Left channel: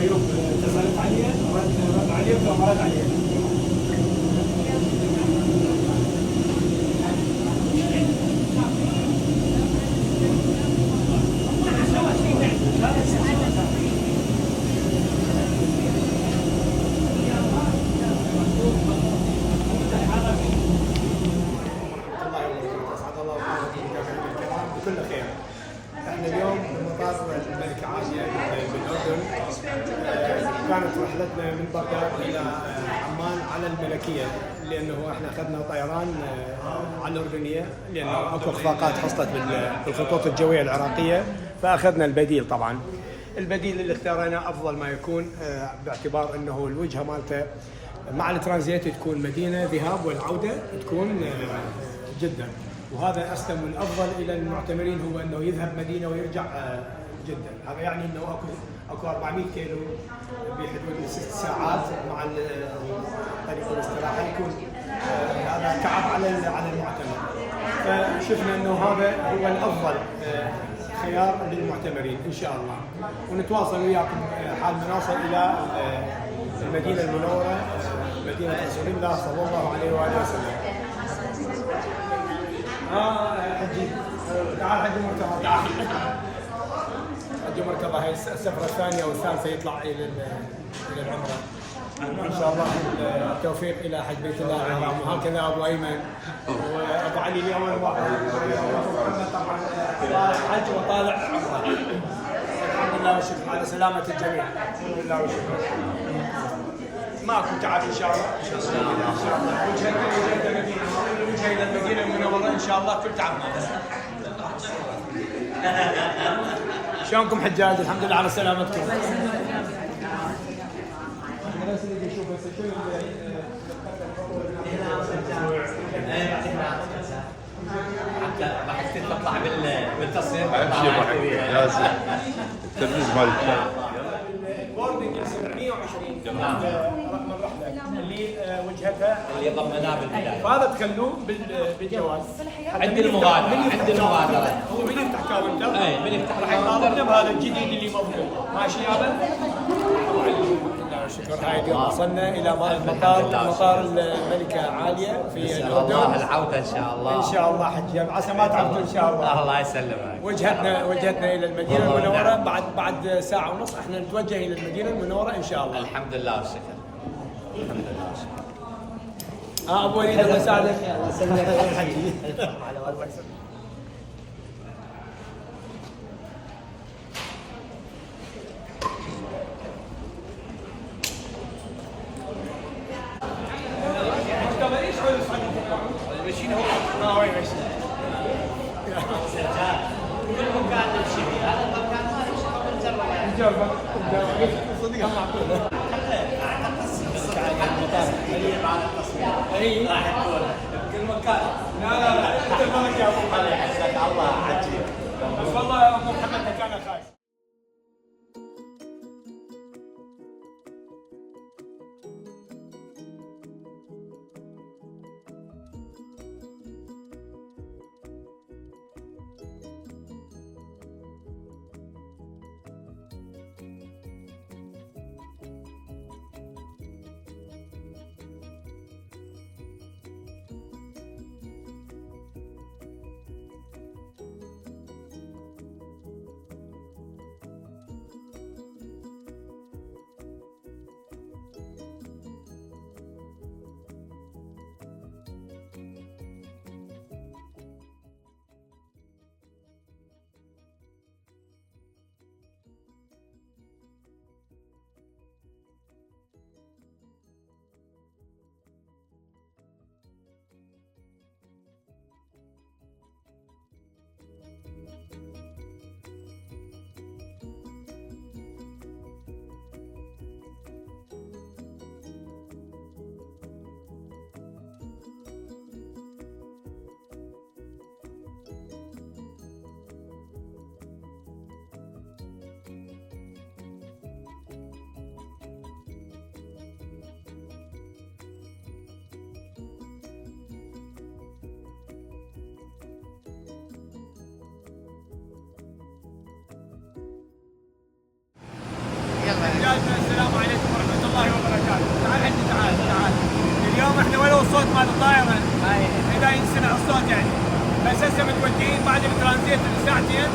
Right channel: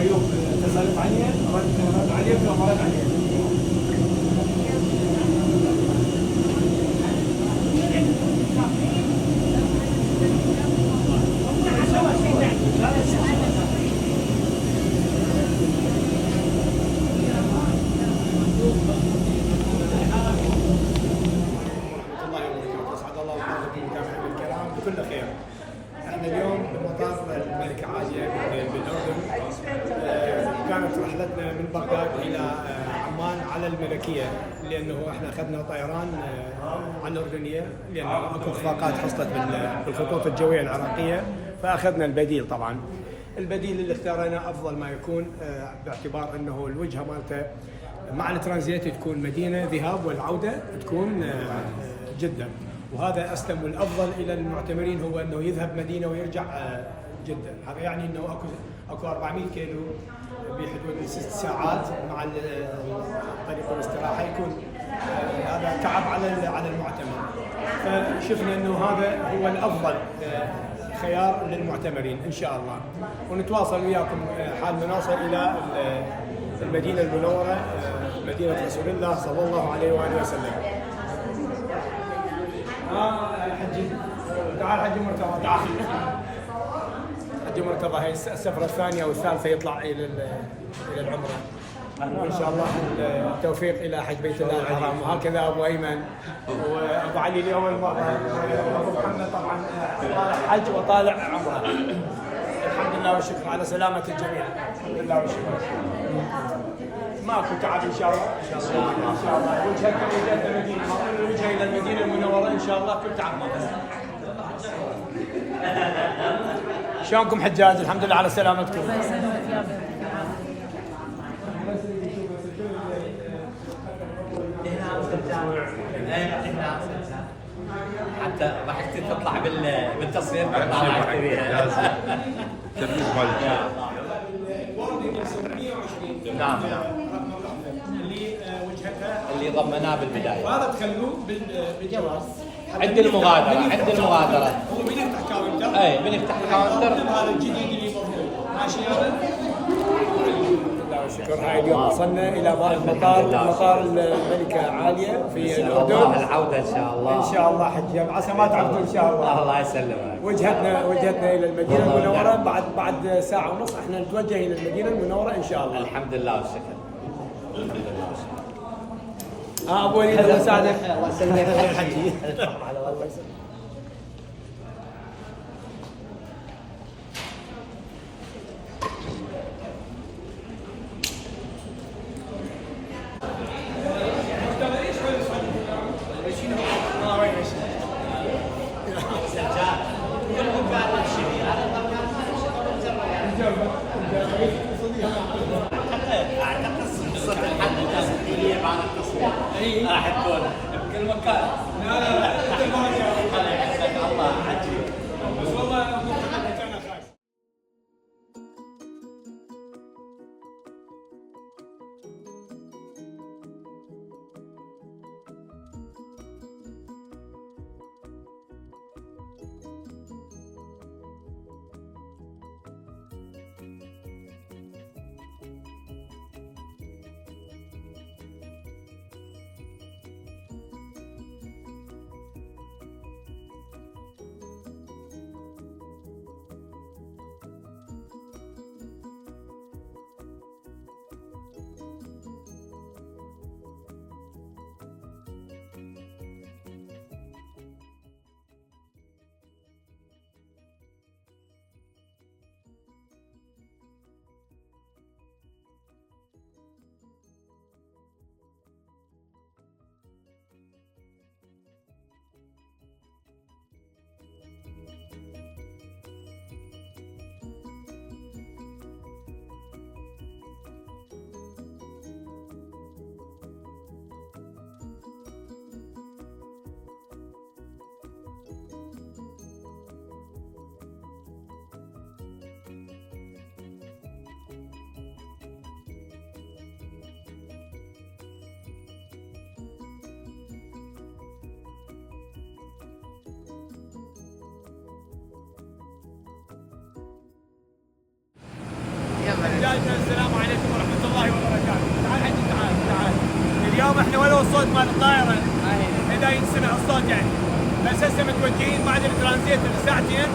ايوب اتصلت عليه رد عليه ولا رد عليه؟ الله وبركاته، اسعد الله اوقاتكم جميعا بالكلام بكل خير. احنا اليوم بمطار الملكة عائشة بالاردن. كانت رحلتنا من بغداد الى عمان على الملكية، لانه احنا اخذنا طيران عن الاردنية لانه اكو اخفاقات حصلت بالخطوط الجوية العراقية، فاخذنا البديل. طبعا البديل اللي اختارنا افضل ما يكون، باعتبار انه الوجهة مالته مع الترانزيت تكون مدينة ذهاب والعودة تكون جدة، وهذا اسلم والافضل الى المعتمرين هو انه يذهب مدينة ويرجع جدة. هذا يعني انه اكو 400 كيلو بحدود 6 ساعات مع طريق الاستراحة، يكون هذا تعب على المعتمر. فشفنا انه هذا هو الافضل خيار للمعتمرين ان شاء الله، ونتواصل وياكم حال ما نوصل الى المدينة المنورة، مدينة رسول الله صلى الله عليه وآله وسلم. حجي تعال، حجي مرتضى تعال. حجي مرتضى هي السفرة الثانية أو الثالثة يطلع إلى العمرة، وإن شاء الله التوفيق إلى حج بيت الله الحرام. وهكذا أبو أيمن وأبو علي لأول مرة، وأبو محمد طبعا طالع حج وطالع عمرة. الحمد لله والشكر على سلامة الجميع. الحمد لله والشكر. ماكو تعب ان شاء الله. ان شاء الله وجهة المدينة، الوجهة الى المدينة المنورة ان شاء الله كل تعب ماكو. شلونكم حجاج؟ الحمد لله على سلامتكم. حتى ضحكت تطلع بالتصوير ضحكت بيها. تدريس مالك. الوردي 720 نعم، رقم الرحلة اللي وجهتها اللي ضمناه بالبداية، فهذا تخلوه بالجواز. عند المغادرة هو من يفتح كاونتر؟ اي من يفتح راح يطالبنا بهذا الجديد اللي مضمون. ماشي يابا؟ شكرا. هاي اليوم وصلنا الى مطار الملكة عالية في الاردن. الله العودة ان شاء الله. ان شاء الله حجي عسى ما تعرفوا ان شاء الله. الله يسلمك. وجهتنا الى المدينة المنورة. بعد ساعة ونص احنا نتوجه الى المدينة المنورة ان شاء الله. الحمد لله والشكر. ابو وليد الله يساعدك. حجي كل مكان نمشي فيه، هذا المكان ما نمشي اعتقد التصوير بعد التصوير راح تكون بكل مكان. لا الله يحفظك. الله عجيب والله ابو محمد كان خايف. حجاجنا السلام عليكم ورحمه الله وبركاته. تعال حجي تعال. اليوم احنا ولو الصوت مال الطائره اذا ينسمع الصوت يعني، بس هسه متوجهين بعد الترانزيت بساعتين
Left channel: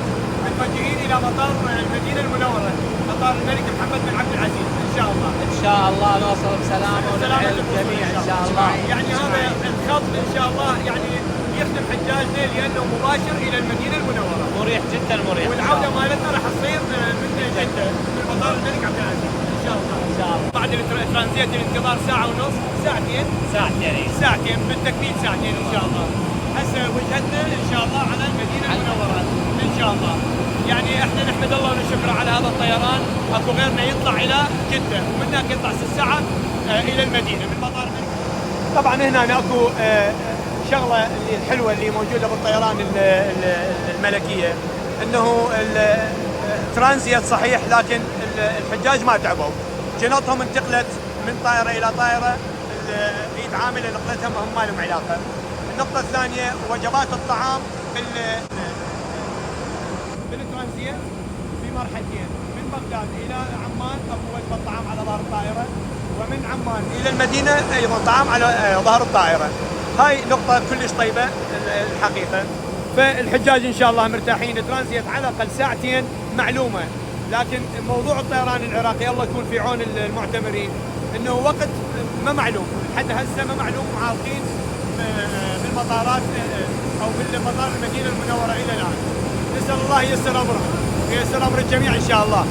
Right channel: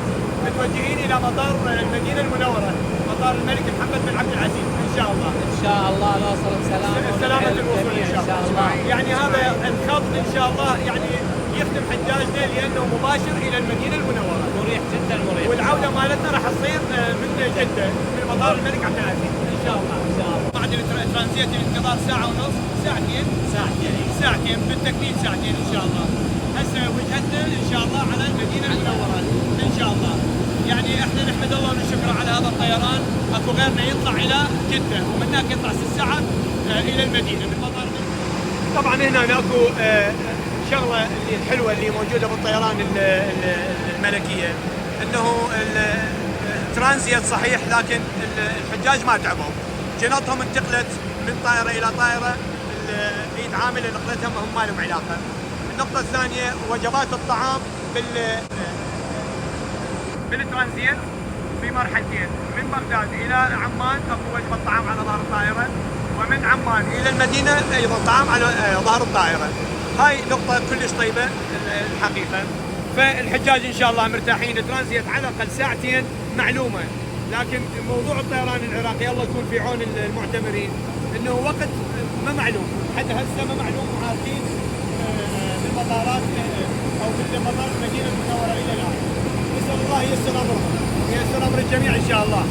متوجهين الى مطار المدينه المنوره، مطار الملك محمد بن عبد العزيز ان شاء الله. ان شاء الله نوصل بسلامه سلامة الوصول ان شاء الله. يعني هذا الخط ان شاء الله يعني يخدم حجاجنا لانه مباشر الى المدينه المنوره. مريح جدا مريح. والعوده مالتنا راح تصير من جده من مطار الملك عبد العزيز ان شاء الله. ان شاء الله. بعد الترانزيت الانتظار ساعه ونص ساعتين بالتكميل ساعتين ان شاء الله. هسه وجهتنا ان شاء الله على المدينه المنوره ان شاء الله. يعني احنا نحمد الله ونشكره على هذا الطيران، اكو غيرنا يطلع الى جده ومن هناك يطلع 6 ساعات الى المدينه من مطار الملك. طبعا هنا اكو شغله اللي الحلوه اللي موجوده بالطيران الملكيه انه الترانزيت صحيح، لكن الحجاج ما تعبوا، جنطهم انتقلت من طائره الى طائره، ايد عامله نقلتها ما لهم علاقه. النقطه الثانيه وجبات الطعام بالترانزيت في مرحلتين، من بغداد الى عمان اكو وجبه طعام على ظهر الطائره، ومن عمان الى المدينه ايضا طعام على ظهر الطائره. هاي نقطه كلش طيبه الحقيقه. فالحجاج ان شاء الله مرتاحين. الترانزيت على الاقل ساعتين معلومه، لكن موضوع الطيران العراقي الله يكون في عون المعتمرين، انه وقت ما معلوم، حتى هسه ما معلوم، معاقين بالمطارات او بالمطار المدينه المنوره الى الان. نسال الله ييسر امره وييسر امر الجميع ان شاء الله.